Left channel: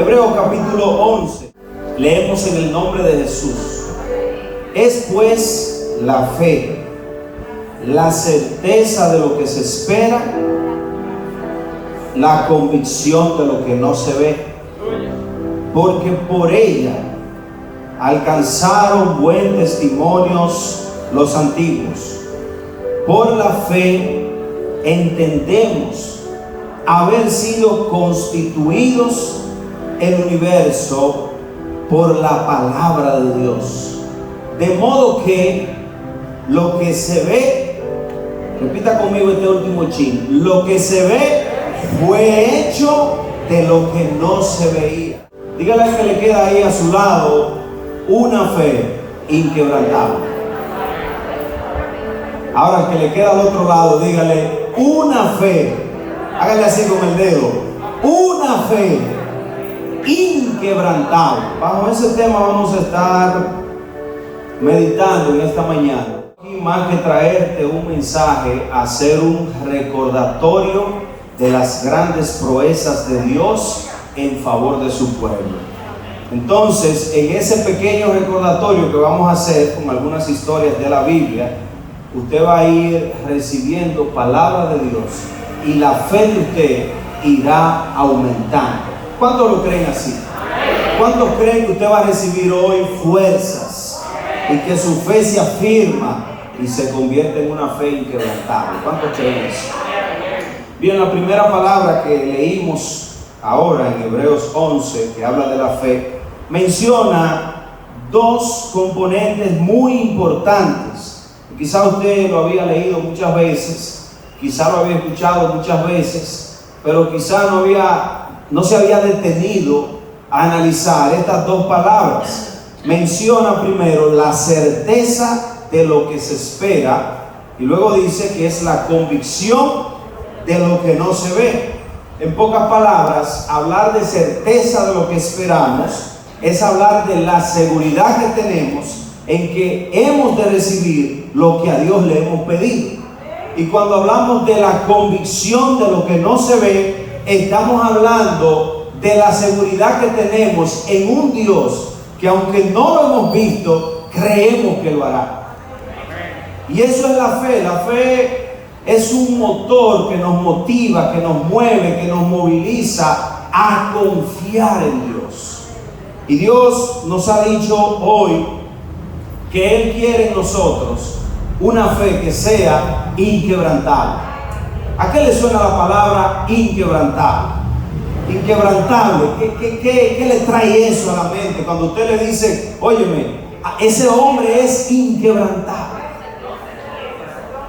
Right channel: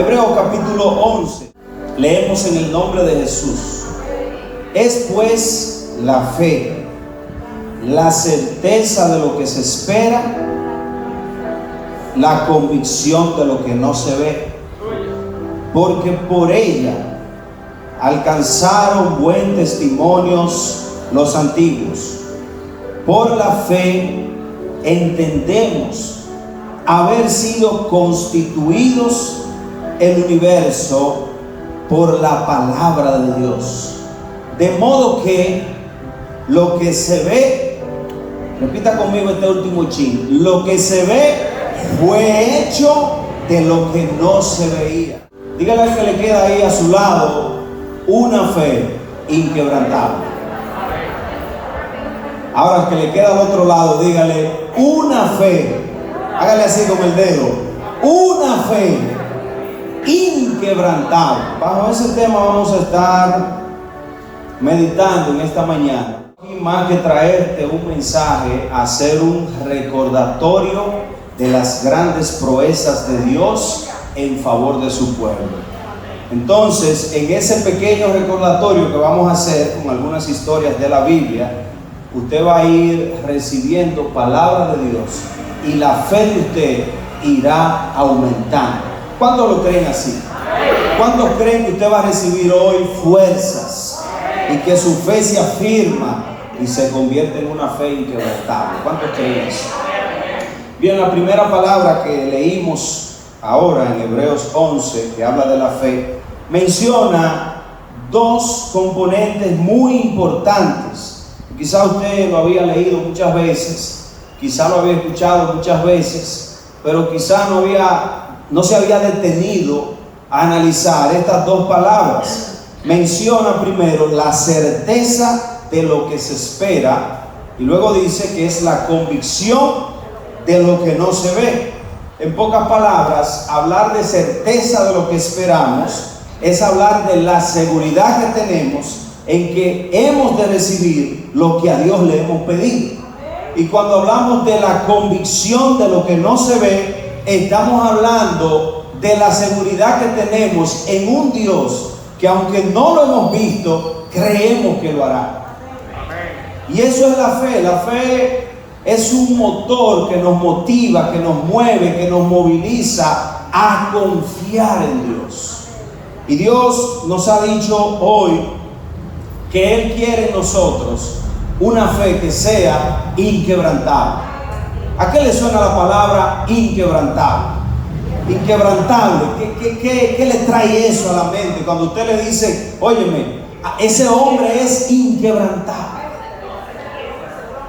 Hebreos capítulo 11. Leemos en el nombre de Jesús. Es pues la fe, la certeza de lo que se espera, la convicción de lo que no se ve, porque por ella alcanzaron buen testimonios los antiguos. Por la fe entendemos haber sido constituidos el universo por la palabra de Dios, de modo que lo que se ve, repita conmigo este último chin, lo que se ve fue hecho de lo que no se veía. Dígale al que le queda ahí a su lado: una fe inquebrantable. Ahora, que le queda al otro lado, dígale: una fe, hágale así con el dedo, una fe inquebrantable. Bajo ese tema vamos a estar meditando en esta mañana. Y más que traerte un mensaje, hacer un recordatorio de las grandes proezas de Dios en favor de su pueblo. Entonces, en ese pequeño recordatorio que vamos a hacer con algunas historias de la Biblia, usted va a ir recibiendo palabra de Dios y la fe de usted irá aumentando. ¿Cuántos lo creen así? ¿Cuántos creen que usted va a recibir hoy fuerzas y que su fe se afirma y se convierte en una fe inquebrantable? ¿Cuántos creen eso? Bien, la primera palabra que leímos ahora en Hebreos 11, que habla de la fe, menciona dos componentes muy importantes. Quizá usted lo había leído muchas veces, quizá lo había escuchado muchas veces, pero quizá no se había detenido a analizar estas dos palabras. Menciona primero la certeza de lo que se espera y luego dice que es la convicción de lo que no se ve. En pocas palabras, hablar de certeza de lo que esperamos es hablar de la seguridad que tenemos en que hemos de recibir lo que a Dios le hemos pedido. Y cuando hablamos de la convicción de lo que no se ve, estamos hablando de la seguridad que tenemos en un Dios que, aunque no lo hemos visto, creemos que lo hará. Y eso es la fe. La fe es un motor que nos motiva, que nos mueve, que nos moviliza a confiar en Dios. Y Dios nos ha dicho hoy que Él quiere en nosotros una fe que sea inquebrantable. ¿A qué le suena la palabra inquebrantable? Inquebrantable, ¿qué le trae eso a la mente cuando usted le dice: óyeme, ese hombre es inquebrantable?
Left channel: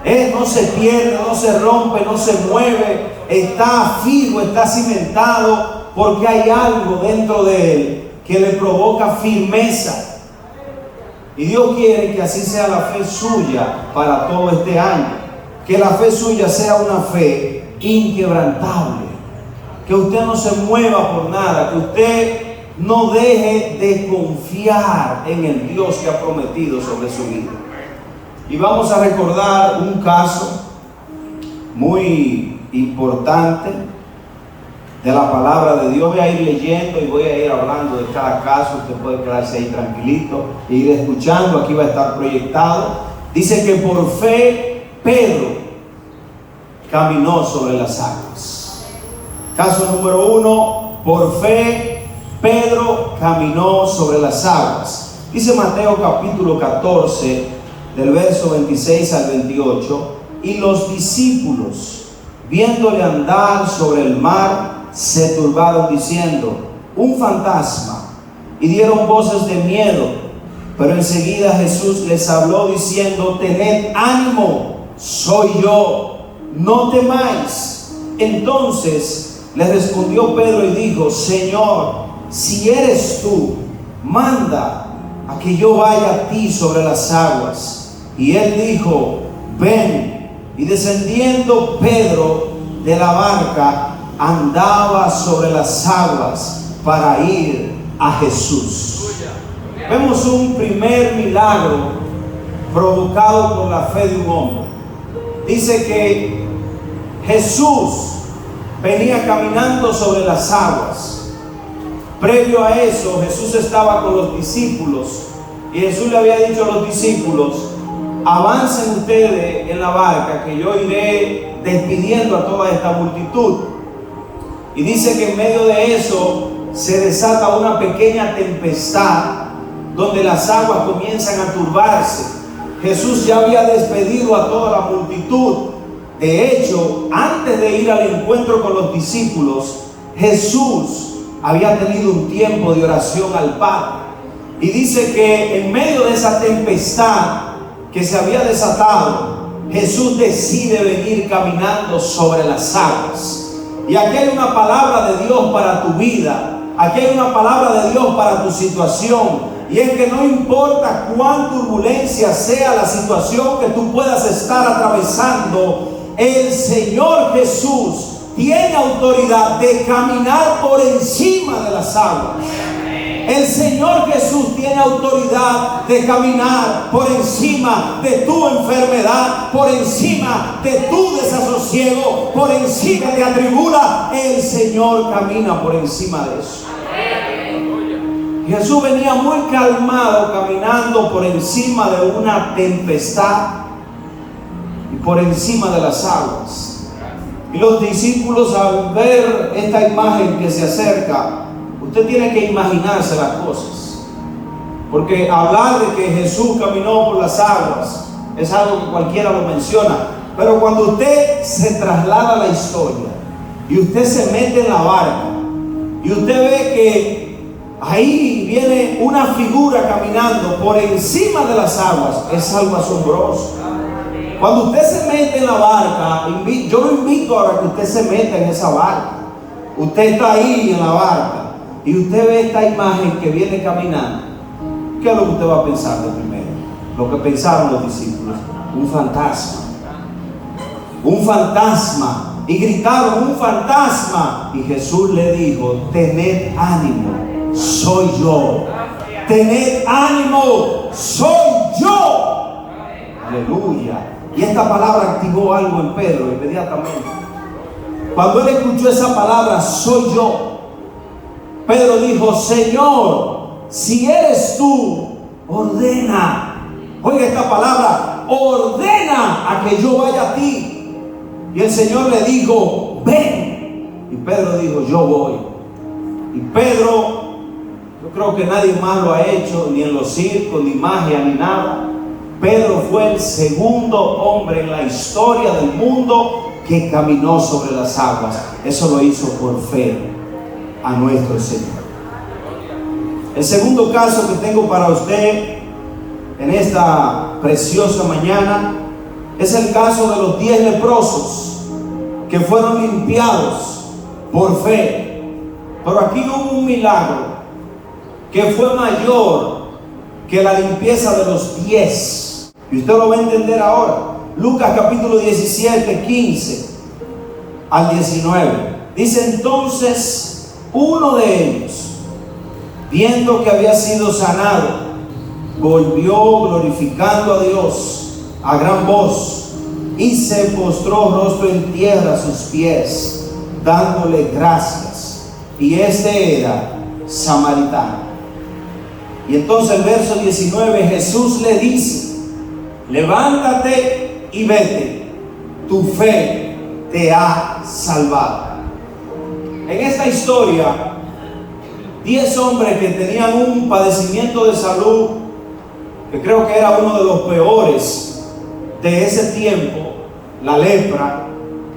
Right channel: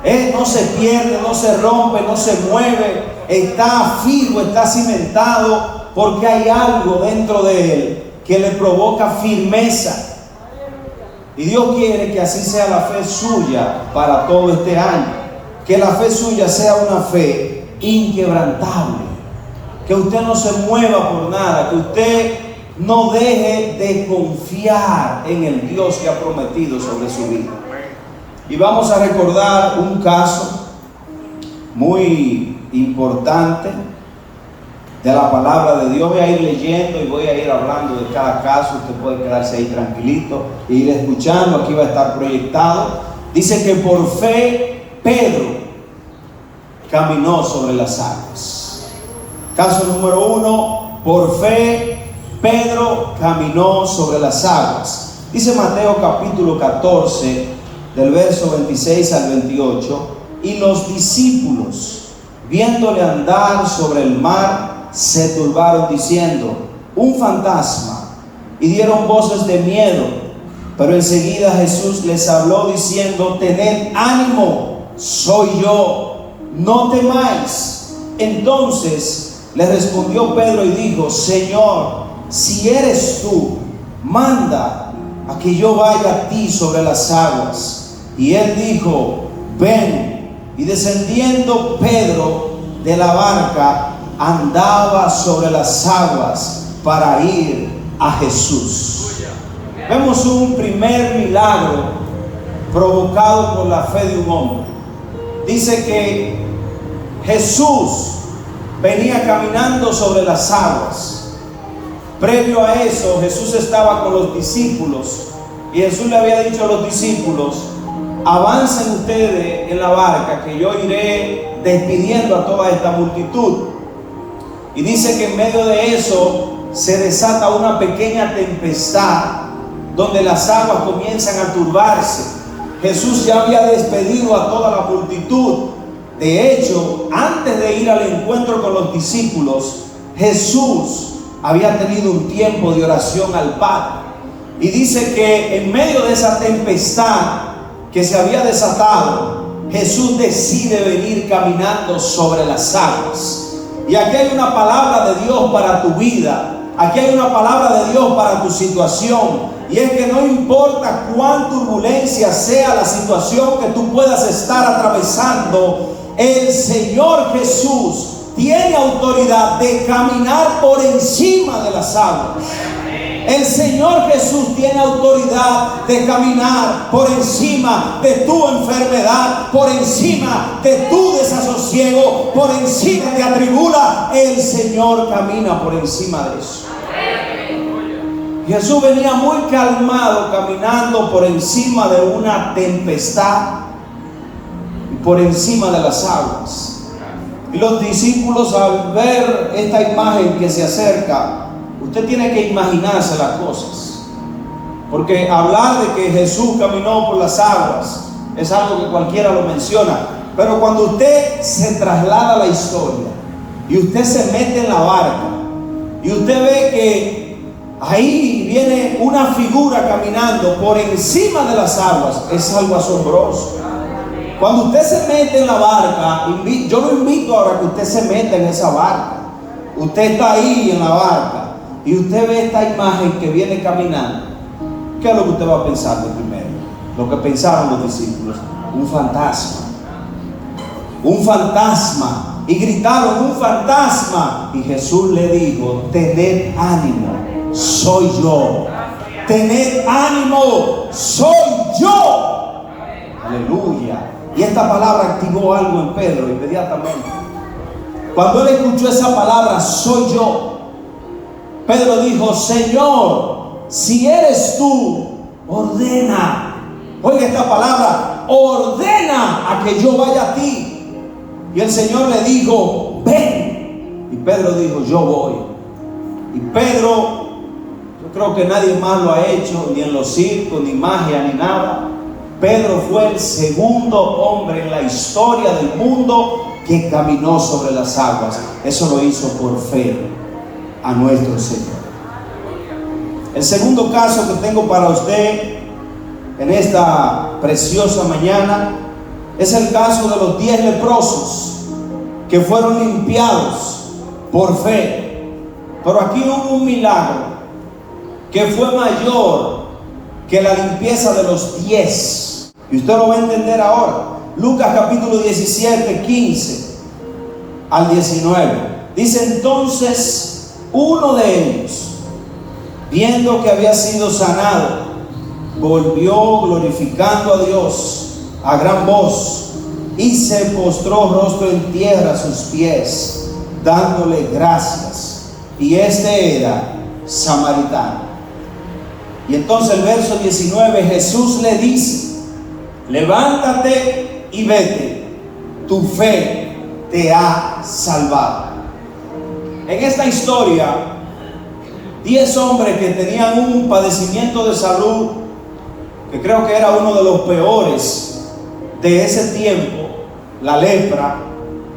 Él no se pierde, no se rompe, no se mueve, está fijo, está cimentado, porque hay algo dentro de él que le provoca firmeza. Y Dios quiere que así sea la fe suya para todo este año. Que la fe suya sea una fe inquebrantable. Que usted no se mueva por nada. Que usted no deje de confiar en el Dios que ha prometido sobre su vida. Y vamos a recordar un caso muy importante de la palabra de Dios. Voy a ir leyendo y voy a ir hablando de cada caso. Usted puede quedarse ahí tranquilito e ir escuchando. Aquí va a estar proyectado. Dice que por fe Pedro caminó sobre las aguas. Caso número 1, por fe Pedro caminó sobre las aguas. Dice Mateo capítulo 14, del verso 26 al 28, y los discípulos, viéndole andar sobre el mar, se turbaron diciendo: un fantasma, y dieron voces de miedo. Pero enseguida Jesús les habló diciendo: tened ánimo, soy yo, no temáis. Entonces le respondió Pedro y dijo: Señor, si eres tú, manda a que yo vaya a ti sobre las aguas. Y él dijo: ven. Y descendiendo Pedro de la barca, andaba sobre las aguas para ir a Jesús. Vemos un primer milagro provocado por la fe de un hombre. Dice que Jesús venía caminando sobre las aguas. Previo a eso, Jesús estaba con los discípulos y Jesús le había dicho a los discípulos: avancen ustedes en la barca, que yo iré despidiendo a toda esta multitud. Y dice que en medio de eso se desata una pequeña tempestad donde las aguas comienzan a turbarse. Jesús ya había despedido a toda la multitud. De hecho, antes de ir al encuentro con los discípulos, Jesús había tenido un tiempo de oración al Padre. Y dice que en medio de esa tempestad que se había desatado, Jesús decide venir caminando sobre las aguas. Y aquí hay una palabra de Dios para tu vida. Aquí hay una palabra de Dios para tu situación. Y es que no importa cuán turbulencia sea la situación que tú puedas estar atravesando, el Señor Jesús tiene autoridad de caminar por encima de las aguas. El Señor Jesús tiene autoridad de caminar por encima de tu enfermedad, por encima de tu desasosiego, por encima de atribula. El Señor camina por encima de eso. Jesús venía muy calmado, caminando por encima de una tempestad, por encima de las aguas. Y los discípulos, al ver esta imagen que se acerca, usted tiene que imaginarse las cosas, porque hablar de que Jesús caminó por las aguas es algo que cualquiera lo menciona, pero cuando usted se traslada a la historia y usted se mete en la barca y usted ve que ahí viene una figura caminando por encima de las aguas, es algo asombroso. Cuando usted se mete en la barca, yo lo invito ahora que usted se meta en esa barca. Usted está ahí en la barca y usted ve esta imagen que viene caminando. ¿Qué es lo que usted va a pensar de primero? Lo que pensaron los discípulos: un fantasma. Un fantasma. Y gritaron: un fantasma. Y Jesús le dijo: tened ánimo, soy yo. Tened ánimo, soy yo. Aleluya. Y esta palabra activó algo en Pedro inmediatamente. Cuando él escuchó esa palabra, soy yo, Pedro dijo: Señor, si eres tú, ordena. Oiga esta palabra: ordena a que yo vaya a ti. Y el Señor le dijo: ven. Y Pedro dijo: yo voy. Y Pedro, yo creo que nadie más lo ha hecho, ni en los circos, ni magia, ni nada. Pedro fue el segundo hombre en la historia del mundo que caminó sobre las aguas. Eso lo hizo por fe a nuestro Señor. El segundo caso que tengo para usted en esta preciosa mañana es el caso de los 10 leprosos que fueron limpiados por fe. Pero aquí hubo un milagro que fue mayor que la limpieza de los 10. Y usted lo va a entender ahora. Lucas capítulo 17, 15 al 19. Dice: entonces uno de ellos, viendo que había sido sanado, volvió glorificando a Dios a gran voz y se postró rostro en tierra a sus pies, dándole gracias. Y este era samaritano. Y entonces el verso 19, Jesús le dice: levántate y vete, tu fe te ha salvado. En esta historia, 10 hombres que tenían un padecimiento de salud, que creo que era uno de los peores de ese tiempo, la lepra.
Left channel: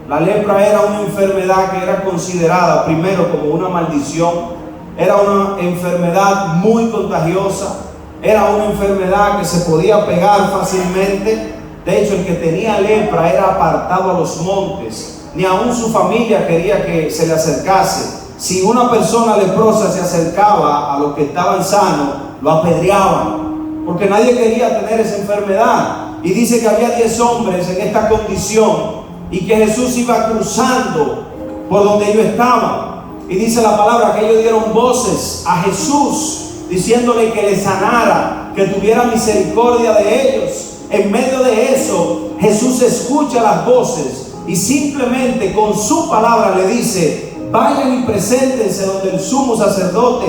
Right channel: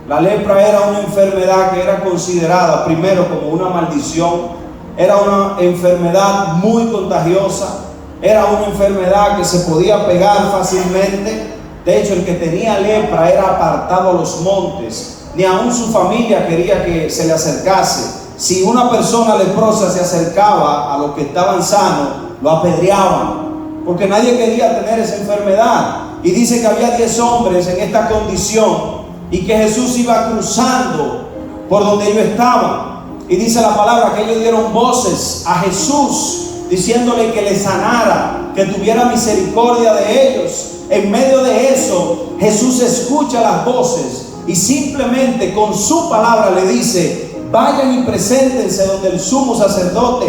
La lepra era una enfermedad que era considerada primero como una maldición. Era una enfermedad muy contagiosa. Era una enfermedad que se podía pegar fácilmente. De hecho, el que tenía lepra era apartado a los montes. Ni aún su familia quería que se le acercase. Si una persona leprosa se acercaba a los que estaban sanos, lo apedreaban, porque nadie quería tener esa enfermedad. Y dice que había 10 hombres en esta condición y que Jesús iba cruzando por donde ellos estaban. Y dice la palabra que ellos dieron voces a Jesús, diciéndole que les sanara, que tuviera misericordia de ellos. En medio de eso, Jesús escucha las voces y simplemente con su palabra le dice: vayan y preséntense donde el sumo sacerdote.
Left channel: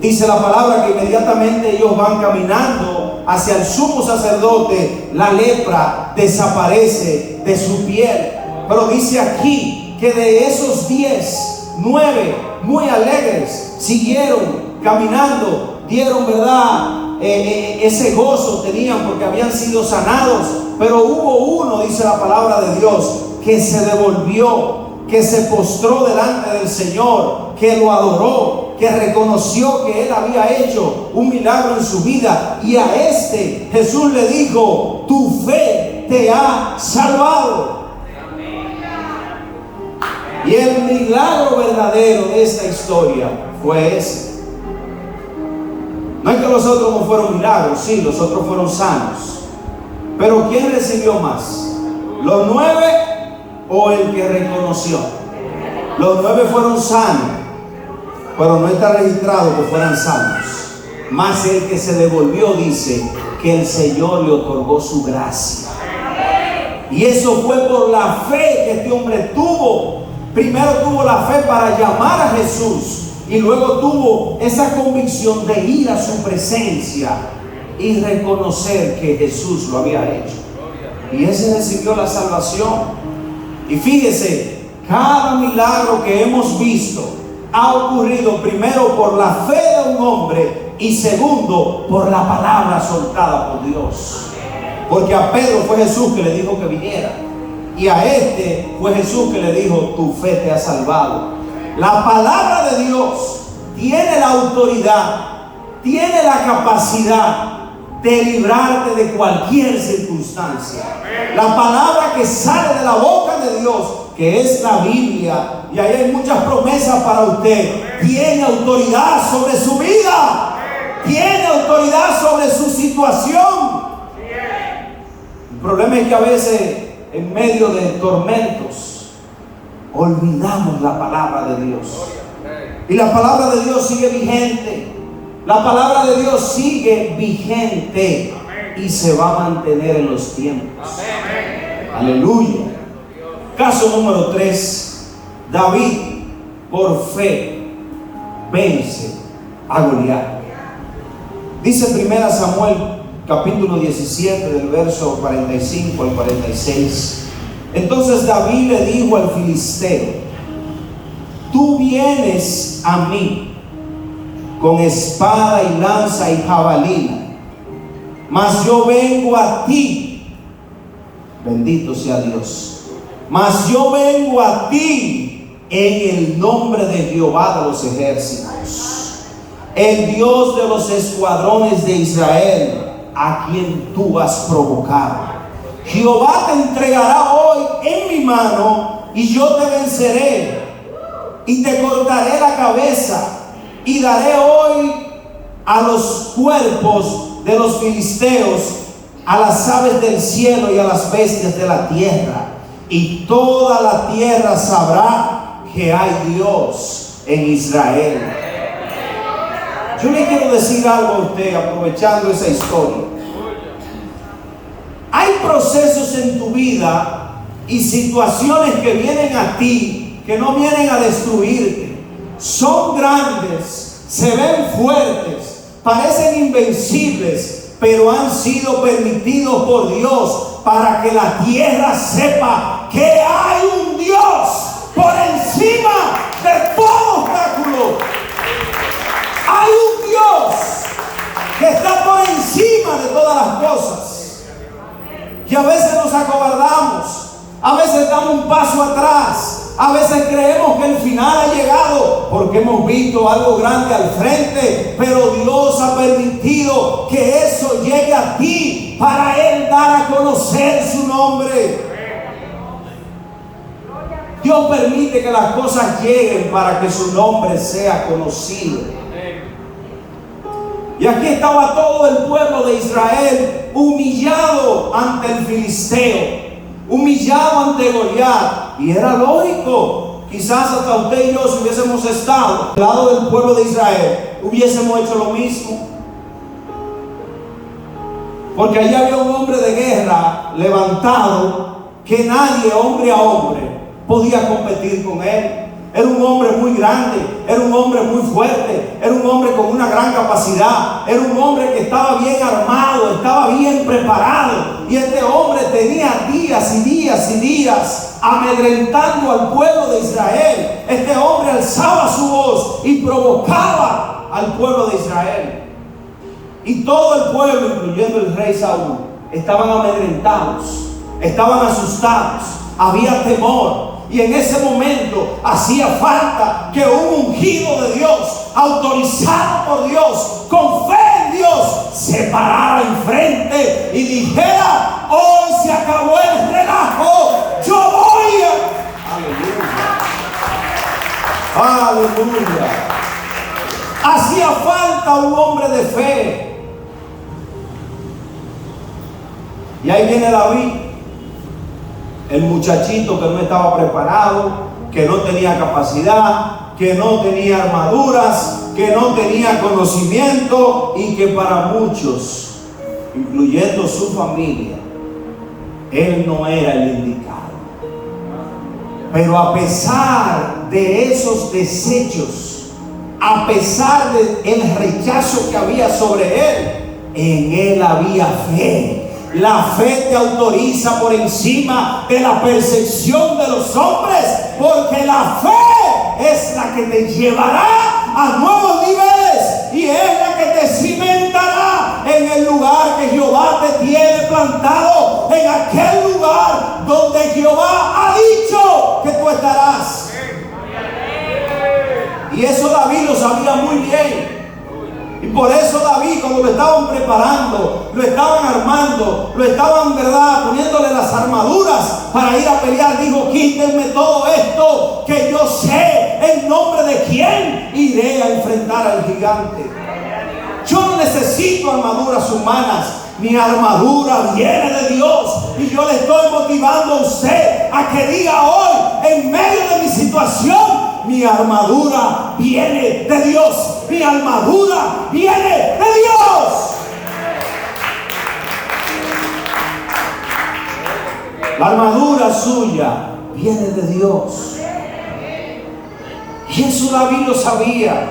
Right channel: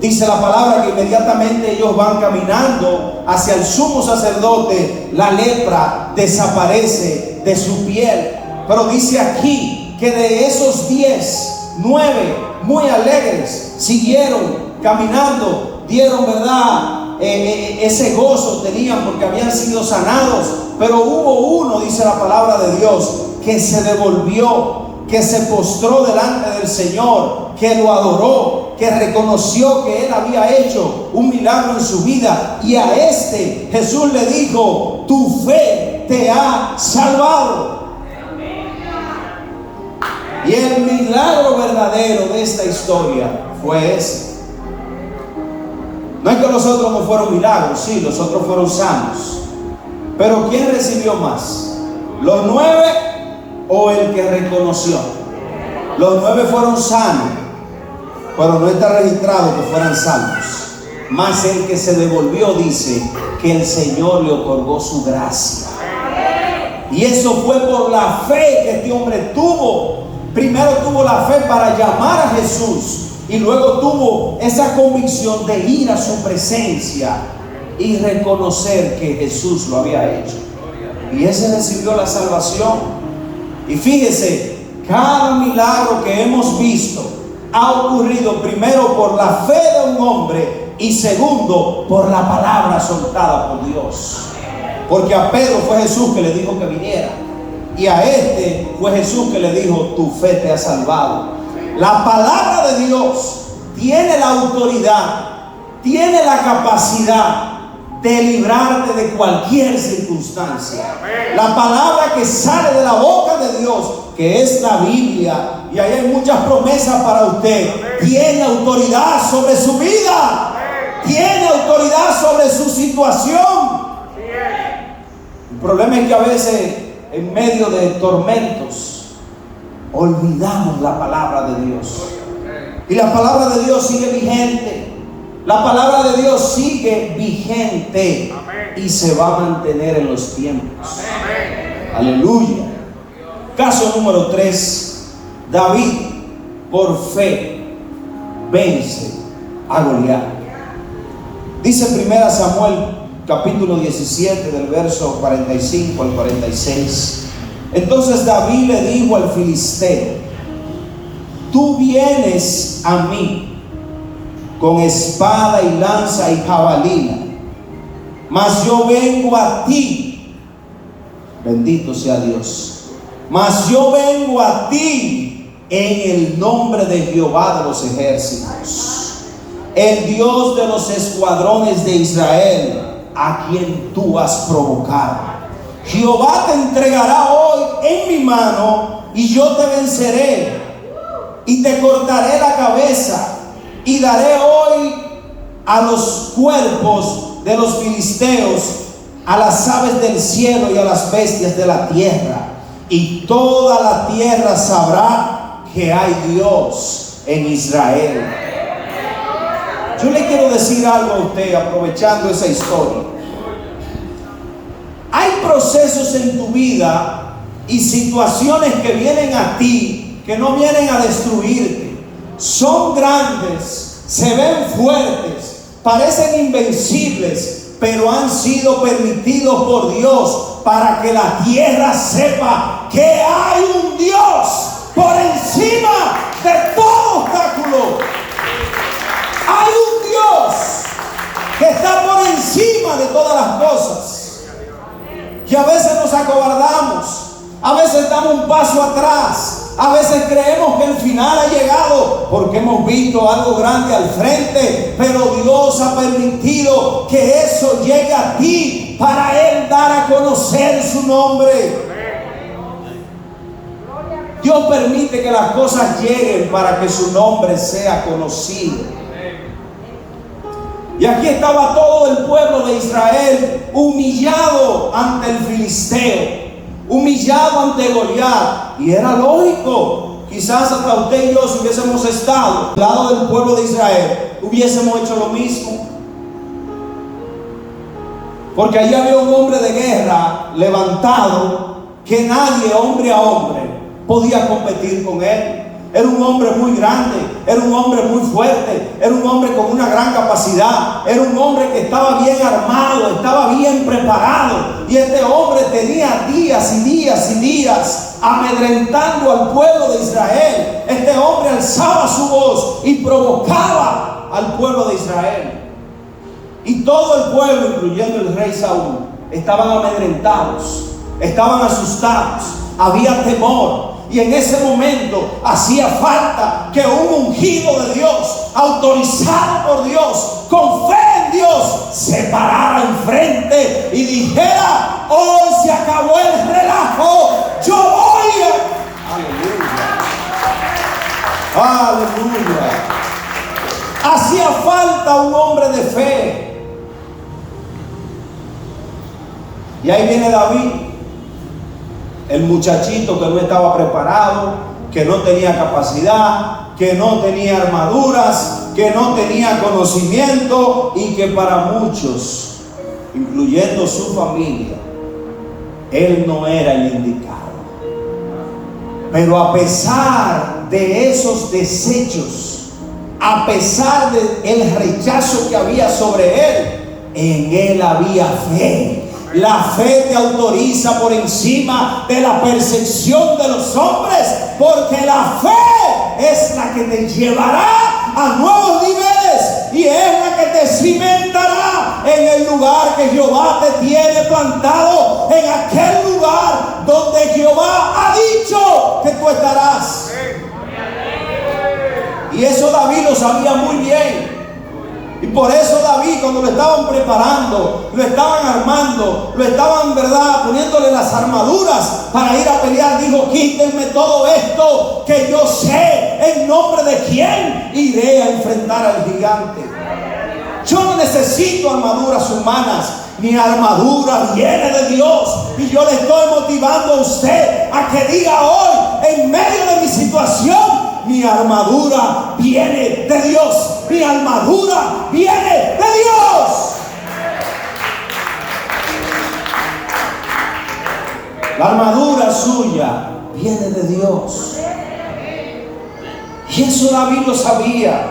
Dice la palabra que inmediatamente ellos van caminando hacia el sumo sacerdote, la lepra desaparece de su piel. Pero dice aquí que de esos 10, 9 muy alegres siguieron caminando, dieron, ¿verdad? Ese gozo tenían porque habían sido sanados. Pero hubo uno, dice la palabra de Dios, que se devolvió, que se postró delante del Señor, que lo adoró, que reconoció que Él había hecho un milagro en su vida. Y a este Jesús le dijo: tu fe te ha salvado. Y el milagro verdadero de esta historia fue ese. No es que los otros no fueron milagros, sí, los otros fueron sanos. Pero ¿quién recibió más? ¿Los 9 o el que reconoció? Los 9 fueron sanos, pero no está registrado que fueran sanos. Más el que se devolvió dice que el Señor le otorgó su gracia. Y eso fue por la fe que este hombre tuvo. Primero tuvo la fe para llamar a Jesús, y luego tuvo esa convicción de ir a su presencia y reconocer que Jesús lo había hecho. Y ese recibió la salvación. Y fíjese, cada milagro que hemos visto ha ocurrido primero por la fe de un hombre y segundo por la palabra soltada por Dios. Porque a Pedro fue Jesús que le dijo que viniera, y a este fue Jesús que le dijo: tu fe te ha salvado. La palabra de Dios tiene la autoridad, tiene la capacidad de librarte de cualquier circunstancia. La palabra que sale de la boca de Dios, que es la Biblia, y ahí hay muchas promesas para usted, tiene autoridad sobre su vida, tiene autoridad sobre su situación. El problema es que a veces, en medio de tormentos, olvidamos la palabra de Dios. Y la palabra de Dios sigue vigente. La palabra de Dios sigue vigente y se va a mantener en los tiempos. Aleluya. Caso número 3. David, por fe, vence a Goliat. Dice 1 Samuel capítulo 17 del verso 45 al 46. Entonces David le dijo al filisteo: tú vienes a mí con espada y lanza y jabalina, mas yo vengo a ti, bendito sea Dios, mas yo vengo a ti en el nombre de Jehová de los ejércitos, el Dios de los escuadrones de Israel, a quien tú has provocado. Jehová te entregará hoy en mi mano, y yo te venceré, y te cortaré la cabeza, y daré hoy a los cuerpos de los filisteos, a las aves del cielo y a las bestias de la tierra, y toda la tierra sabrá que hay Dios en Israel. Yo le quiero decir algo a usted, aprovechando esa historia. Hay procesos en tu vida y situaciones que vienen a ti, que no vienen a destruirte. Son grandes, se ven fuertes, parecen invencibles, pero han sido permitidos por Dios para que la tierra sepa que hay un Dios por encima de todo obstáculo. Hay un Dios que está por encima de todas las cosas. Y a veces nos acobardamos, a veces damos un paso atrás, a veces creemos que el final ha llegado porque hemos visto algo grande al frente, pero Dios ha permitido que eso llegue a ti para Él dar a conocer su nombre. Dios permite que las cosas lleguen para que su nombre sea conocido. Y aquí estaba todo el pueblo de Israel humillado ante el filisteo, humillado ante Goliat. Y era lógico, quizás hasta usted y yo, si hubiésemos estado al lado del pueblo de Israel, hubiésemos hecho lo mismo. Porque allí había un hombre de guerra levantado que nadie, hombre a hombre, podía competir con él. Era un hombre muy grande, era un hombre muy fuerte, era un hombre con una gran capacidad, era un hombre que estaba bien armado, estaba bien preparado. Y este hombre tenía días y días y días amedrentando al pueblo de Israel. Este hombre alzaba su voz y provocaba al pueblo de Israel. Y todo el pueblo, incluyendo el rey Saúl, estaban amedrentados, estaban asustados, había temor. Y en ese momento hacía falta que un ungido de Dios, autorizado por Dios, con fe en Dios, se parara enfrente y dijera: hoy se acabó el relajo, yo voy a... Aleluya. Aleluya. Hacía falta un hombre de fe. Y ahí viene David, el muchachito que no estaba preparado, que no tenía capacidad, que no tenía armaduras, que no tenía conocimiento y que para muchos, incluyendo su familia, él no era el indicado. Pero a pesar de esos desechos, a pesar del rechazo que había sobre él, en él había fe. La fe te autoriza por encima de la percepción de los hombres, porque la fe es la que te llevará a nuevos niveles y es la que te cimentará en el lugar que Jehová te tiene plantado, en aquel lugar donde Jehová ha dicho que tú estarás. Y eso David lo sabía muy bien. Y por eso David, cuando lo estaban preparando, lo estaban armando, lo estaban, ¿verdad?, poniéndole las armaduras para ir a pelear, dijo: quítenme todo esto, que yo sé en nombre de quién iré a enfrentar al gigante. Yo no necesito armaduras humanas, mi armadura viene de Dios. Y yo le estoy motivando a usted a que diga hoy, en medio de mi situación: mi armadura viene de Dios. Mi armadura viene de Dios. La armadura suya viene de Dios. Y eso David lo sabía.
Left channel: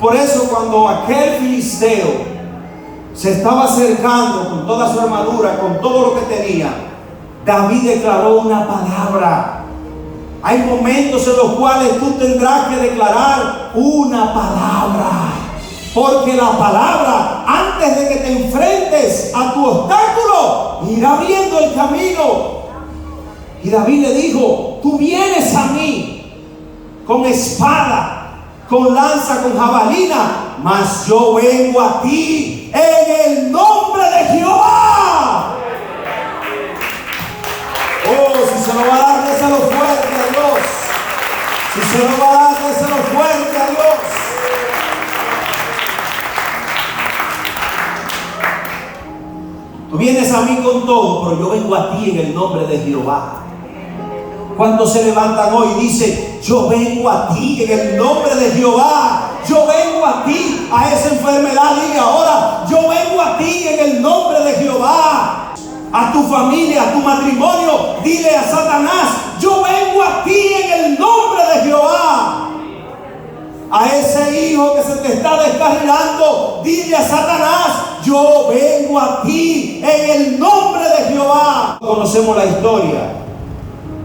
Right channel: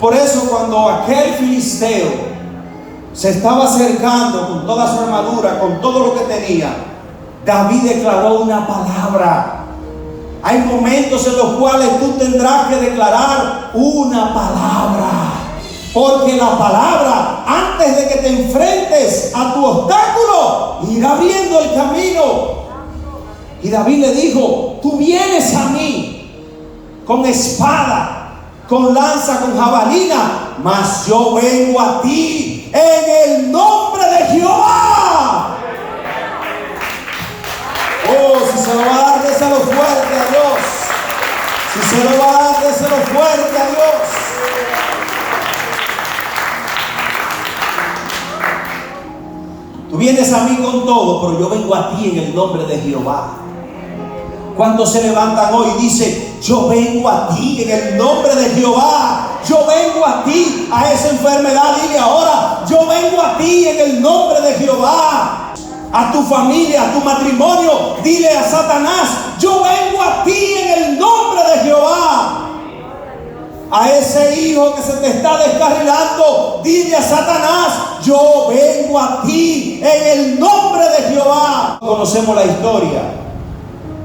Por eso cuando aquel filisteo se estaba acercando con toda su armadura, con todo lo que tenía, David declaró una palabra. Hay momentos en los cuales tú tendrás que declarar una palabra, porque la palabra, antes de que te enfrentes a tu obstáculo, irá abriendo el camino. Y David le dijo: tú vienes a mí con espada, con lanza, con jabalina, mas yo vengo a ti en el nombre de Jehová. Oh, si se lo va a dar, déselo fuerte a Dios. Si se lo va a dar, déselo fuerte a Dios. Tú vienes a mí con todo, pero yo vengo a ti en el nombre de Jehová. Cuando se levantan hoy y dicen: yo vengo a ti en el nombre de Jehová. Yo vengo a ti, a esa enfermedad, dile ahora: yo vengo a ti en el nombre de Jehová. A tu familia, a tu matrimonio, dile a Satanás: yo vengo a ti en el nombre de Jehová. A ese hijo que se te está descarrilando, dile a Satanás: yo vengo a ti en el nombre de Jehová. Conocemos la historia.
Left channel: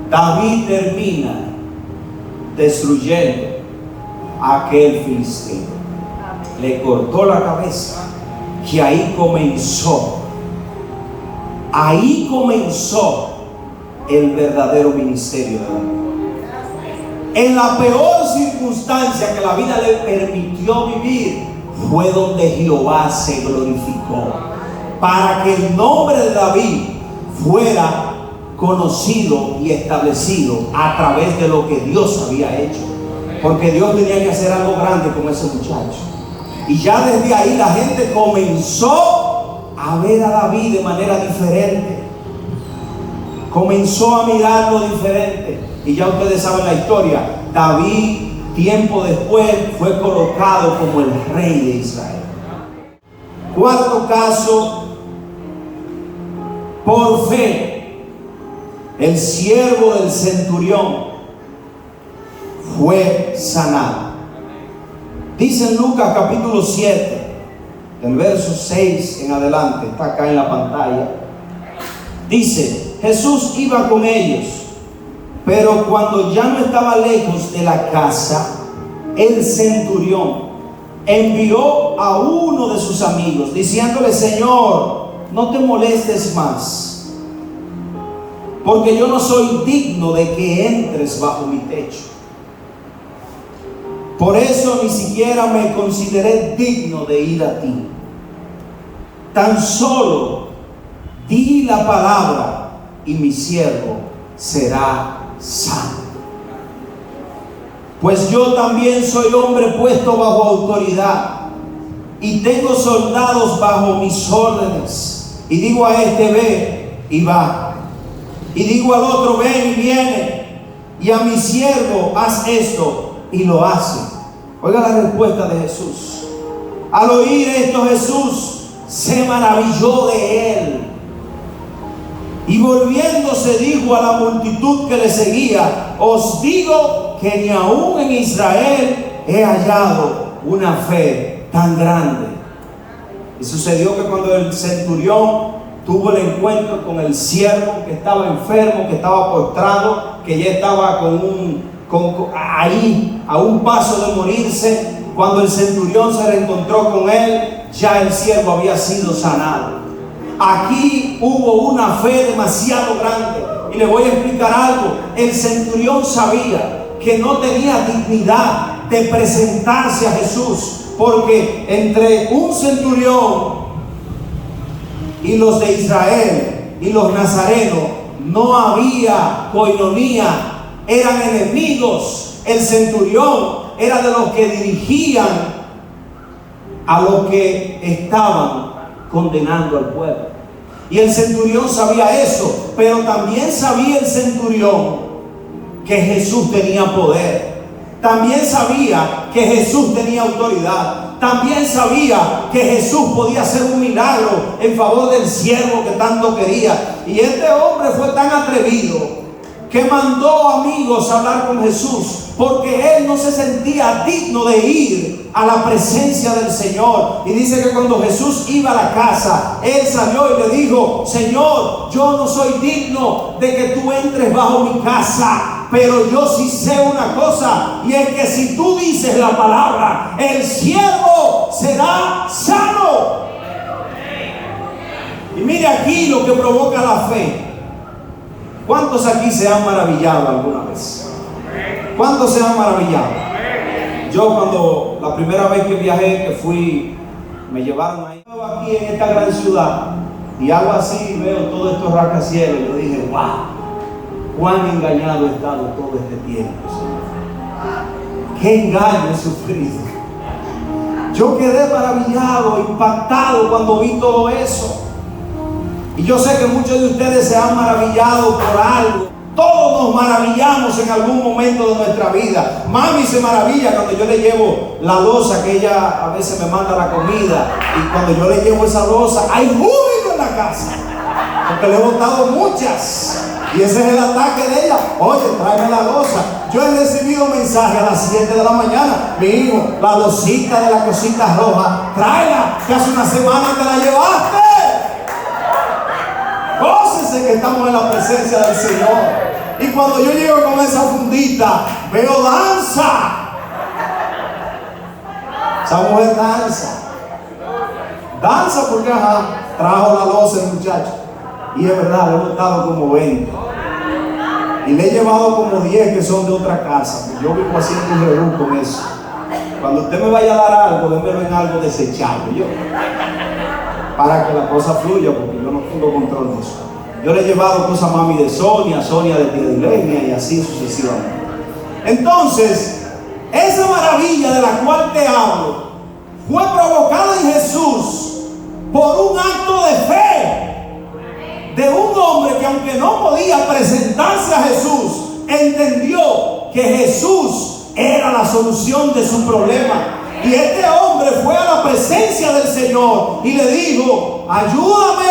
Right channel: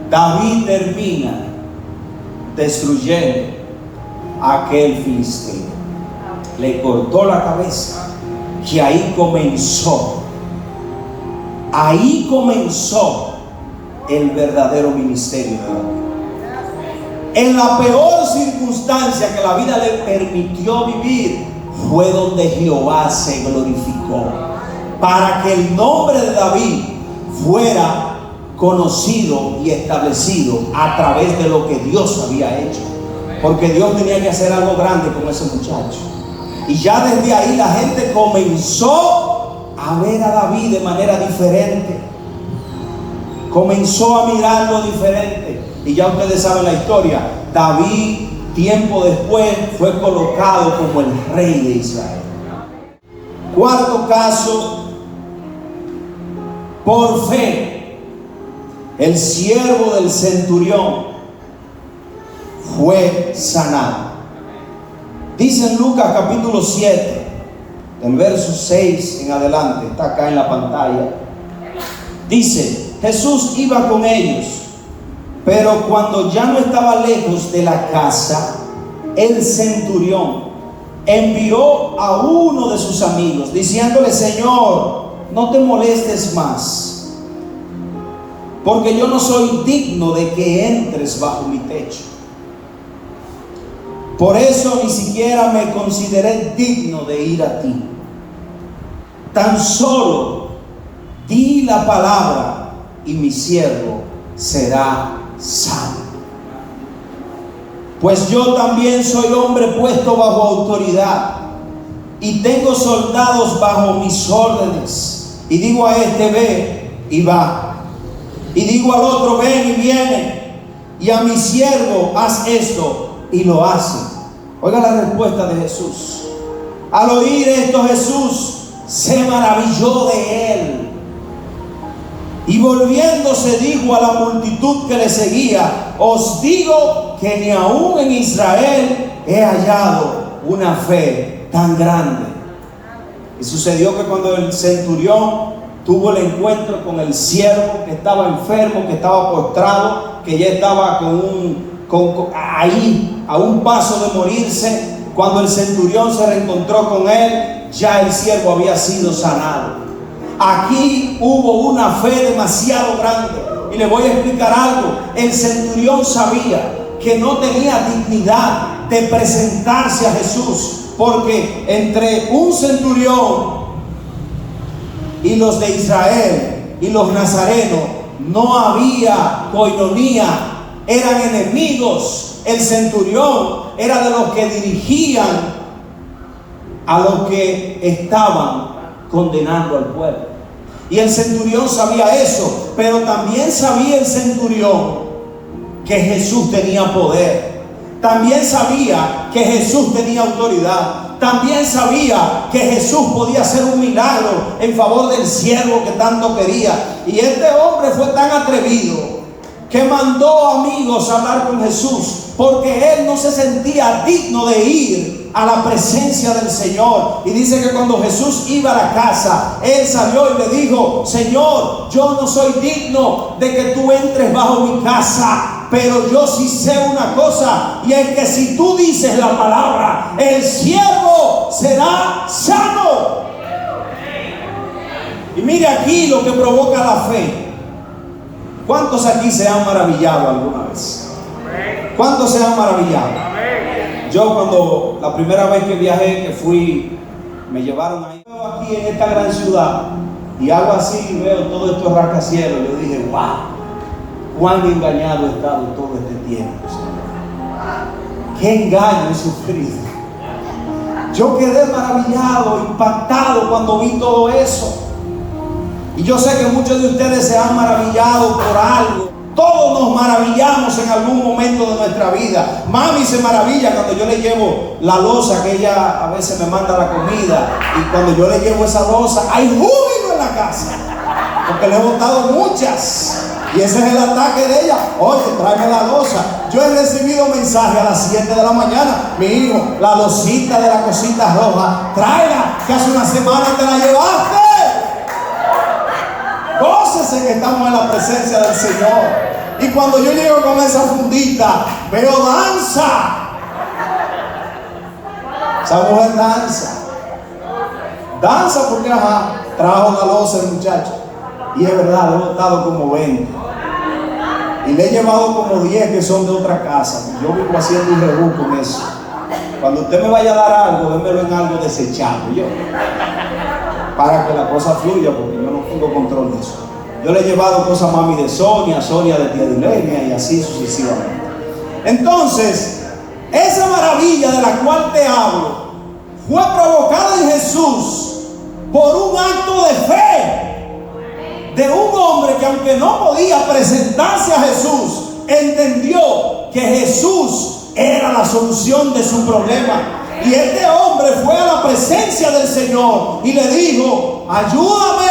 David termina destruyendo a aquel filisteo. Le cortó la cabeza. Y ahí comenzó el verdadero ministerio de David. En la peor circunstancia que la vida le permitió vivir, fue donde Jehová se glorificó, para que el nombre de David fuera conocido y establecido a través de lo que Dios había hecho. Porque Dios tenía que hacer algo grande con ese muchacho. Y ya desde ahí la gente comenzó a ver a David de manera diferente. Comenzó a mirarlo diferente. Y ya ustedes saben la historia. David, tiempo después, fue colocado como el rey de Israel. Cuarto caso: por fe, el siervo del centurión fue sanado. Dice en Lucas capítulo 7, del verso 6 en adelante, está acá en la pantalla. Dice: Jesús iba con ellos, pero cuando ya no estaba lejos de la casa, el centurión envió a uno de sus amigos diciéndole: Señor, no te molestes más, porque yo no soy digno de que entres bajo mi techo. Por eso ni siquiera me consideré digno de ir a ti. Tan solo di la palabra y mi siervo será sano. Pues yo también soy hombre puesto bajo autoridad y tengo soldados bajo mis órdenes. Y digo a este: ve, y va. Y digo al otro: ven, y viene. Y a mi siervo: haz esto, y lo hace. Oiga la respuesta de Jesús. Al oír esto, Jesús se maravilló de él, y volviéndose dijo a la multitud que le seguía: os digo que ni aún en Israel he hallado una fe tan grande. Y sucedió que cuando el centurión tuvo el encuentro con el siervo que estaba enfermo, que estaba postrado, que ya estaba ahí a un paso de morirse, cuando el centurión se reencontró con él, ya el siervo había sido sanado. Aquí hubo una fe demasiado grande. Y le voy a explicar algo. El centurión sabía que no tenía dignidad de presentarse a Jesús, porque entre un centurión y los de Israel y los nazarenos no había coinonía, eran enemigos. El centurión era de los que dirigían a los que estaban condenando al pueblo. Y el centurión sabía eso, pero también sabía el centurión que Jesús tenía poder. También sabía que Jesús tenía autoridad. También sabía que Jesús podía hacer un milagro en favor del siervo que tanto quería. Y este hombre fue tan atrevido que mandó amigos a hablar con Jesús, porque él no se sentía digno de ir a la presencia del Señor. Y dice que cuando Jesús iba a la casa, él salió y le dijo: Señor, yo no soy digno de que tú entres bajo mi casa, pero yo sí sé una cosa, y es que si tú dices la palabra, el siervo será sano. Y mire aquí lo que provoca la fe. ¿Cuántos aquí se han maravillado alguna vez? ¿Cuántos se han maravillado? Yo cuando la primera vez que viajé, que fui, me llevaron ahí aquí en esta gran ciudad, y algo así, veo todos estos rascacielos, yo dije: wow, cuán engañado he estado todo este tiempo, Señor. Qué engaño he sufrido. Yo quedé maravillado, impactado cuando vi todo eso. Y yo sé que muchos de ustedes se han maravillado por algo. Todos nos maravillamos en algún momento de nuestra vida. Mami se maravilla cuando yo le llevo la loza, que ella a veces me manda la comida, y cuando yo le llevo esa loza, hay júbilo en la casa, porque le he botado muchas, y ese es el ataque de ella: oye, tráeme la loza. Yo he recibido mensajes a las 7 de la mañana: mi hijo, la losita de la cosita roja, tráela, que hace una semana te la llevaste. Gócese que estamos en la presencia del Señor. Y cuando yo llego con esa fundita, veo danza. Esa mujer danza. Danza porque trajo la loza el muchacho. Y es verdad, le he botado como 20. Y le he llevado como 10 que son de otra casa. Yo vivo haciendo un rebú con eso. Cuando usted me vaya a dar algo, démelo en algo desechable. Para que la cosa fluya, porque yo no tengo control de eso. Yo le he llevado cosas a mami de Sonia de tía Dilenia, y así sucesivamente. Entonces, esa maravilla de la cual te hablo fue provocada en Jesús por un acto de fe de un hombre que, aunque no podía presentarse a Jesús, entendió que Jesús era la solución de su problema. Y este hombre fue a la presencia del Señor y le dijo: ayúdame.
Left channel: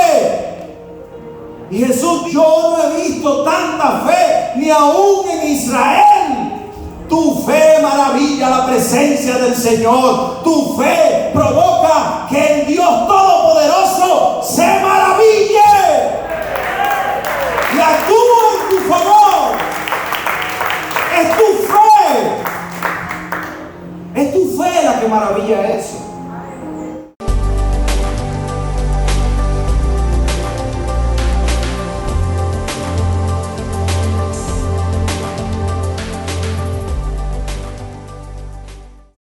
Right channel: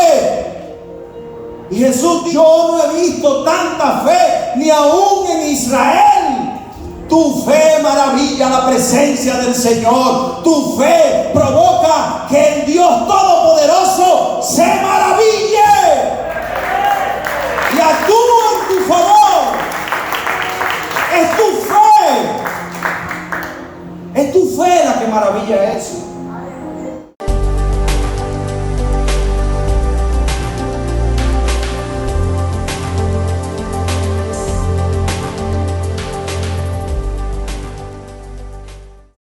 Y Jesús: yo no he visto tanta fe ni aún en Israel. Tu Tu fe maravilla la presencia del Señor. Tu fe provoca que el Dios Todopoderoso se maraville y actúe en tu favor. Es tu fe la que maravilla eso.